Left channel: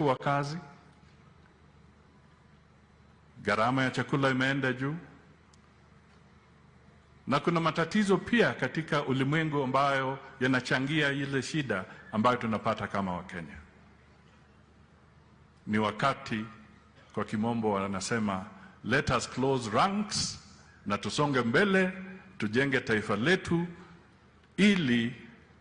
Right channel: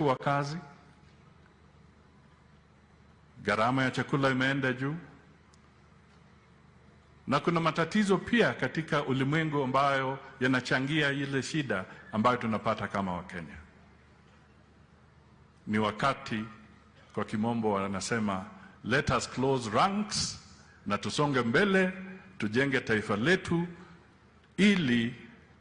wa kazi, gharama ya chakula imeenda juu, na kuna matatizo pia katika ulimwengu ambayo yanachangia ile shida ambayo tunapata kama Wakenya. Ni wakati, kwa kimombo wanasema, let us close ranks, na tusonge mbele, tujenge taifa letu ili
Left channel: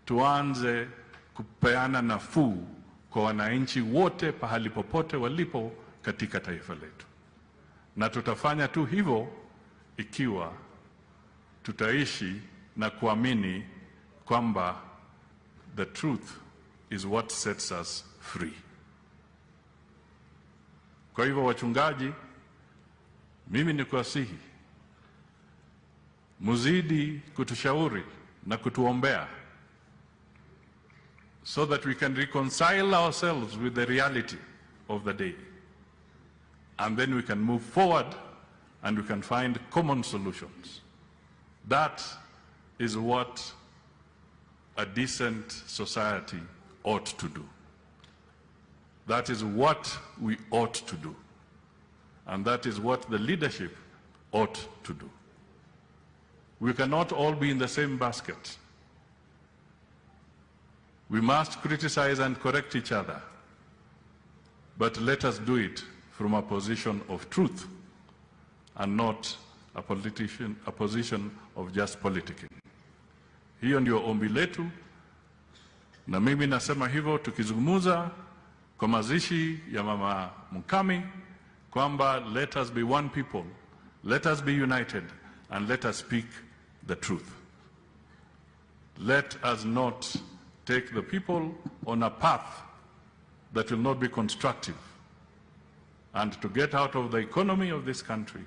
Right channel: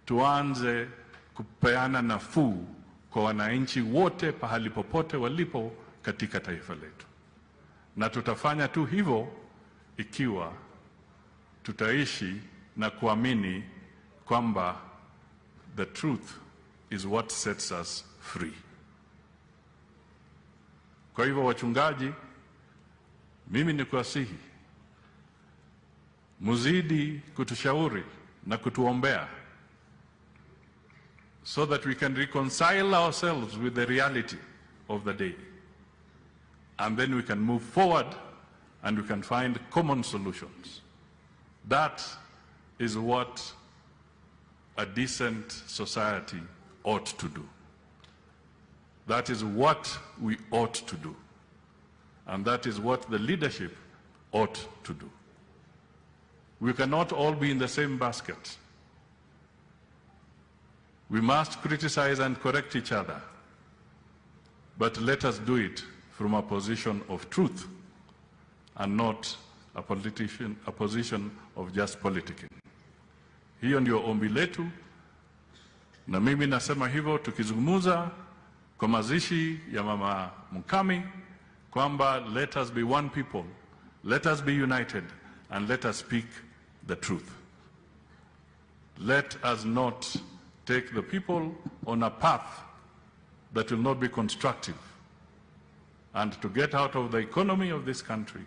tuanze kupeana nafuu kwa wananchi wote pahali popote walipo katika taifa letu. Na tutafanya tu hivyo ikiwa tutaishi na kuamini kwamba the truth is what sets us free. Kwa hivyo wachungaji, mimi nikuasihi muzidi kutushauri na kutuombea, so that we can reconcile ourselves with the reality of the day. And then we can move forward and we can find common solutions. That is what a decent society ought to do. That is what we ought to do. And that is what the leadership ought to do. We cannot all be in the same basket. We must criticize and correct each other, but let us do it from a position of truth and not a position of just politicking. Hiyo ndio ombi letu, na mimi nasema hivyo tukizungumza kwa mazishi ya Mama Mukami kwamba let us be one people, let us be united, and let us speak the truth. Let us not take the people on a path that will not be constructive. And to get out of the economy of this country,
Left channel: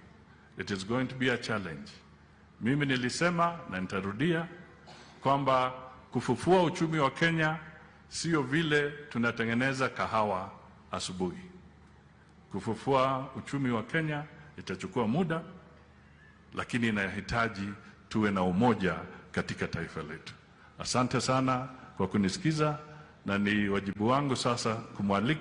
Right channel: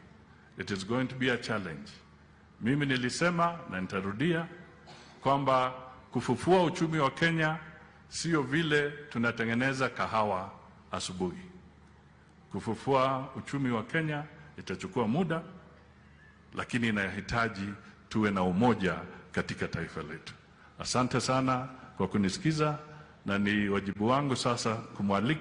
it is going to be a challenge. Mimi nilisema na nitarudia kwamba kufufua uchumi wa Kenya sio vile tunatengeneza kahawa asubuhi. Kufufua uchumi wa Kenya itachukua muda, lakini inahitaji tuwe na umoja katika taifa letu. Asante sana kwa kunisikiza, na ni wajibu wangu sasa kumwalika